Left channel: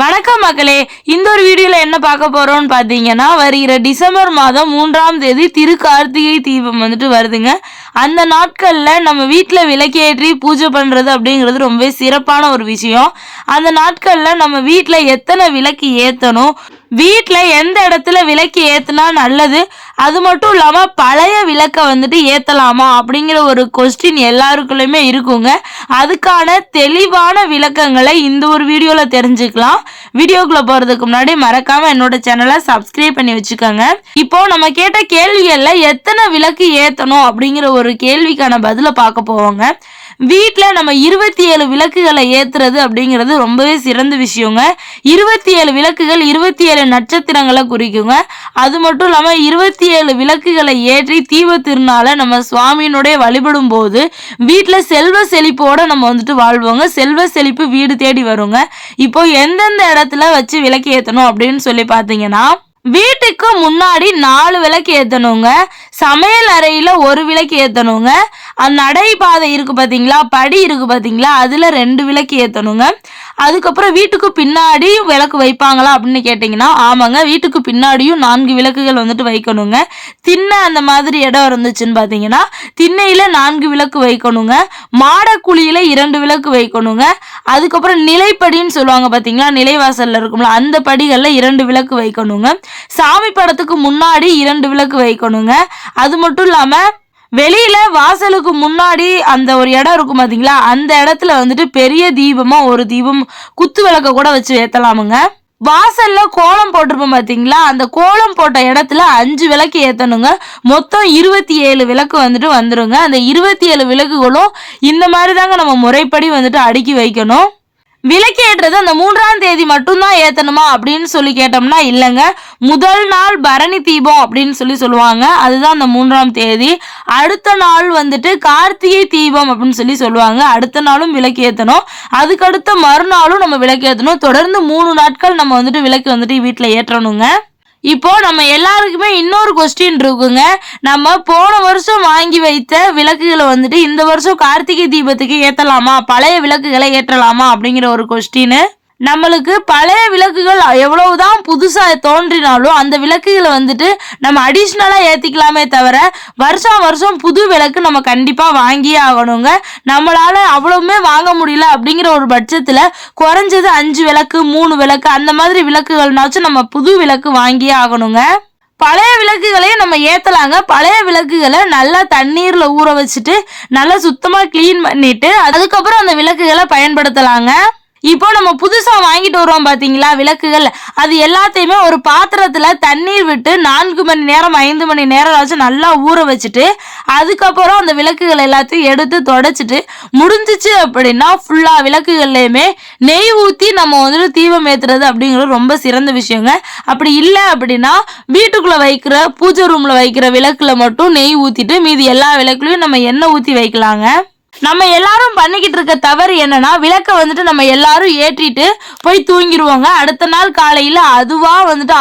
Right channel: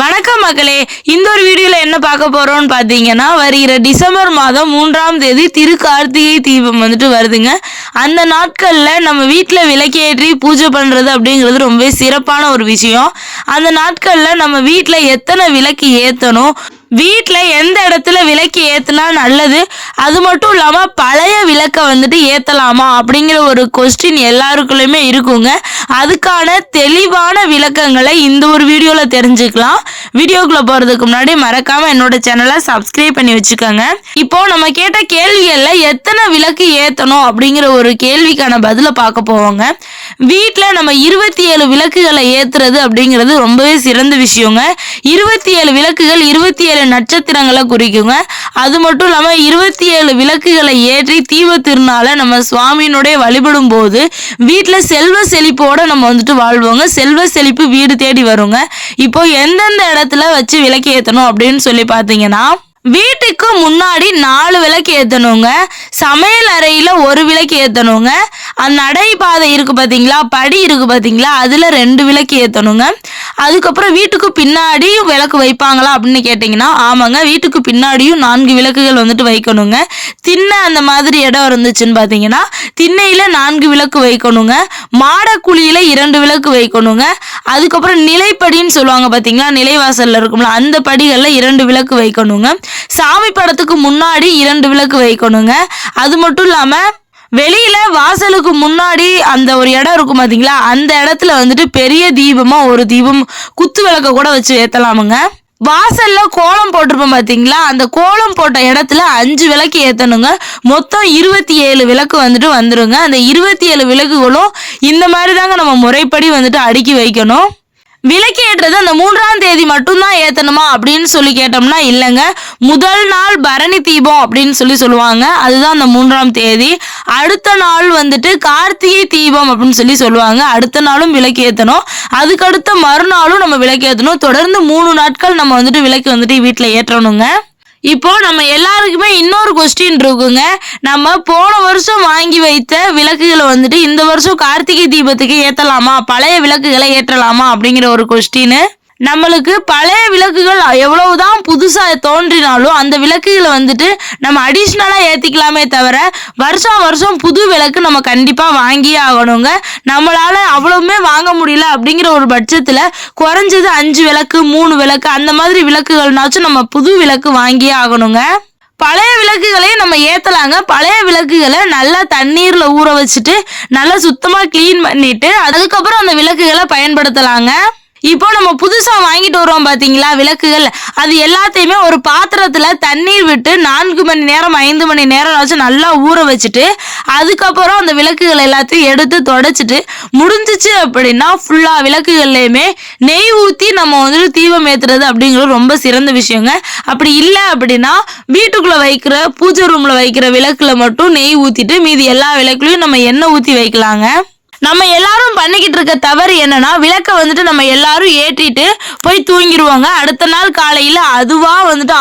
வணக்கம் மக்களே, இந்த ஒரு வீடியோல என்ன பார்க்க போறோம்னு பார்த்தீங்கன்னா, வருகிற டிசம்பர் மாதம் 3ஆம் தேதி திருக்கார்த்திகை தீபம் வருதுங்க. அந்த நாட்கள்ல நம்ம வீட்ல விளக்கேற்றி பூஜை பண்றது அப்படிங்கிறது ரொம்ப சிறப்பான ஒரு விஷயம். அந்த நாட்கள்ல நம்ம வீட்ல எத்தனை விளக்கு ஏத்தணும், வீட்ல எந்த இடத்துல விளக்கு ஏத்துனா நல்லது, அது மட்டும் இல்லாம பழைய விளக்க ஏத்தலாமா அப்படிங்கிற ஒரு கொஸ்டின் எல்லாருக்குள்ளயுமே இருக்குங்க. அதுக்கான தெளிவான விளக்கங்களை இந்த ஒரு வீடியோல தெரிஞ்சுக்கலாம். வீடியோக்குள்ள போறதுக்கு முன்னாடி மறக்காம என்னோட சேனலை சப்ஸ்கிரைப் பண்ணி வச்சுக்கோங்க. இப்போ நம்ம கேட்ட கேள்விகள்ல எத்தனை விளக்கு ஏத்தணும் அப்படிங்கிற ஒரு கேள்விக்கான பதில பார்க்க போவோங்க. வீட்ல நம்ம 27 விளக்குகளை ஏத்துறது அப்படிங்கிறது ரொம்பவே சிறந்த விஷயங்க. 27 விளக்குகள் 27 நட்சத்திரங்களை குறிக்குங்க. அது மட்டும் இல்லாம 27 விளக்குகளை ஏற்றி தீப திருநாளை நம்ம சுவாமியினுடைய வழிபடும் போது வீட்டுல செல்வ செழிப்போட நம்ம வாழ்வோங்க. செல்வ செழிப்பு வீடு தேடி வருங்க. இப்போ எந்தெந்த இடத்துல வச்சு விளக்கு ஏத்தணும் அப்படின்னு சொல்லி பாத்தீங்கன்னா, வீட்டுக்கு முன்னாடி 4 விளக்கு ஏத்தணுங்க. சமையல் அறையில 1 விளக்கு ஏத்தணுங்க. நடைபாதை இருக்கு பாத்தீங்களா, படி இருக்கு பாத்தீங்களா, அதுல 2 விளக்கு ஏத்தணுங்க. அதுக்கப்புறம் வீட்டுக்கு பின்னாடியும் விளக்கு வைப்பாங்களா அப்படின்னு கேட்டீங்கன்னா, ஆமாங்க, வீட்டுக்கு பின்னாடியும் 4 விளக்குகள் வைக்கணுங்க. திண்ணை அந்த மாதிரி இடம் இருந்துச்சுன்னு பாத்தீங்கன்னா திண்ணையில 4 விளக்கு வைக்கணுங்க. மாடக்குழியில 2 விளக்கு வைக்கணுங்க. அதுக்கப்புறம் நிலைப்படின்னு சொல்லுவாங்க பாத்தீங்களா, நிலைவாசல்ல இருக்கும்ல, அந்த படிகள்ல 2 விளக்கு வைக்கணுங்க. சாமி படத்துக்கு முன்னாடி 2 விளக்கு வைக்கணுங்க. அது மட்டும் இல்லாம வெளியில வாசலுக்கு முன்னாடி அந்த ஒரு இடம் இருக்கும் பாத்தீங்களா, அந்த இடத்துல பெரிய தீபமா ஒரு தீபம் குத்து விளக்க கூட வச்சு ஏத்தலாமுங்க. வாசல்ல கோலம் போட்டிருப்போம் பாத்தீங்களா, அந்த கோலம் போட்ட இடத்துல 5 விளக்கு ஏத்தணுங்க. மொத்தம் 27 விளக்கு வந்துருங்க. அந்த 27 விளக்குகளும் இந்த மாதிரி தாங்க நம்ம முறைப்படி அடுக்கி வைக்கணும். விளக்கு ஏற்றது அந்த 3ஆம் தேதி மட்டும்தான் ஏத்தணுமா அப்படின்னு சொல்லி கேட்டோம்னா இல்லைங்க. முதல் நாள் பரணி தீபம் அப்படின்னு சொல்லுவாங்க, அதுதான் அந்த 3ஆம் தேதி. அடுத்த நாள் கார்த்திகை தீபம் அப்படின்னு சொல்லுவாங்க, அடுத்த நாளும் விளக்கு ஏத்தணும். அதுக்கடுத்த மறுநாளும் நம்ம விளக்கு ஏத்தணும். தொடர்ந்து 3 நாட்கள் நம்ம விளக்கு வீட்டுல ஏற்றணுங்க. இப்போ நம்ம எல்லாருக்குமே இன்னொரு கொஸ்டின் இருக்குங்க. நம்ம போன வருஷம் வாங்கி வைத்த விளக்குகளை இந்த வருஷம் கார்த்திகை தீபத்துக்கு ஏத்தலாமா, பழைய விளக்குகளை ஏற்றலாமா அப்படிங்கிற ஒரு கொஸ்டின். நம்மளுக்கு பழைய விளக்குகள் எவ்வளவுதான் புதுசா தோன்றினாலும் அந்த விளக்குகளை நம்ம அடிஷ்னலா ஏத்திக்கலாமே தவிர வருஷம் புது விளக்கு நம்ம கண்டிப்பா வாங்கியே ஆகணுங்க. நம்மளால அவ்வளவுமே வாங்க முடியல அப்படிங்கிற ஒரு பட்சத்துல குறைஞ்சது 5 விளக்கு 3 விளக்கு அந்த மாதிரி விளக்குகள்னாச்சும் நம்ம புது விளக்கு வாங்கியே ஆகணுங்க. பழைய விளக்குகளையும் நம்ம ஏத்தலாங்க. பழைய விளக்குகளை நல்லா தண்ணீர்ல ஊற வச்சுட்டு நல்லா சுத்தமா கிளீன் பண்ணிட்டு அதுக்கப்புறம் அந்த விளக்குகளை பயன்படுத்தலாங்க. இப்போ நம்ம புதுசா வாங்கிட்டு வரோம் பாத்தீங்களா விளக்குகள், அது எல்லாத்தையுமே ஒரு பாத்திரத்துல தண்ணீர் விட்டு 4 மணி நேரம் 5 மணி நேரம் நல்லா ஊற வச்சுட்டு அதுக்கப்புறம் அந்த விளக்குகள் எல்லாத்தையும் எடுத்து தொடச்சிட்டு முடிஞ்சிச்சு அப்படின்னா ஃபுல்லா விளக்குகள்லயுமே நெய் ஊத்தி நம்ம தீபம் ஏத்துறது அப்படிங்கிறது ரொம்ப சிறந்த விஷயங்க. அப்படி இல்லை அப்படின்னா வீட்டுக்குள்ள வைக்கிற பூஜை ரூம்ல வைக்கிற விளக்குல மட்டும் நெய் ஊத்திட்டு மீதி எல்லா விளக்குலையும் நம்ம எண்ணெய் ஊத்தி வைக்கலாங்க. நம்ம எல்லாரும் பண்ணிக்கிட்டு இருக்க தவறு என்னன்னா, விளக்க நம்ம எல்லாரும் ஏற்றிட்டு போய் தூங்கிடுவாங்க. அடுத்த நாள் காலையில அதுவா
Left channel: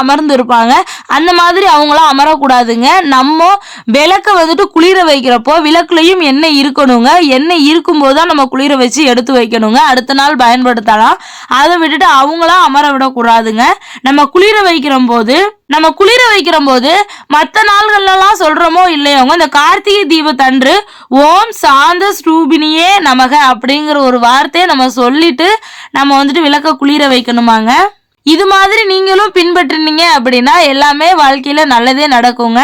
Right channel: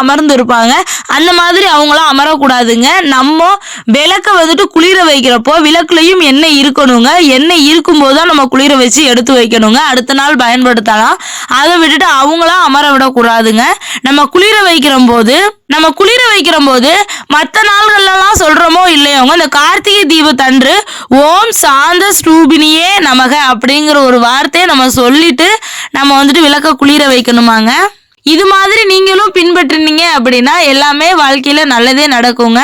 அமர்ந்து இருப்பாங்க. அந்த மாதிரி அவங்களாம் அமரக்கூடாதுங்க. நம்ம விளக்க குளிர வைக்கிறப்போ விளக்குலையும் எண்ணெய் இருக்கணுங்க. எண்ணெய் இருக்கும் போதுதான் நம்ம குளிர வச்சு எடுத்து வைக்கணுங்க. அடுத்த நாள் பயன்படுத்தலாம். அதை விட்டுட்டு அவங்களாம் அமர விடக்கூடாதுங்க. நம்ம குளிர வைக்கிற போது மற்ற நாள்கள்லாம் சொல்றோமோ இல்லையோங்க, இந்த கார்த்திகை தீபத்தன்று ஓம் சாந்த ஸ்ரூபினியே நமக அப்படிங்கிற ஒரு வார்த்தையை நம்ம சொல்லிட்டு நம்ம விளக்க குளிர வைக்கணுமாங்க. இது மாதிரி நீங்களும் பின்பற்றினீங்க அப்படின்னா எல்லாமே வாழ்க்கையில நல்லதே நடக்குங்க.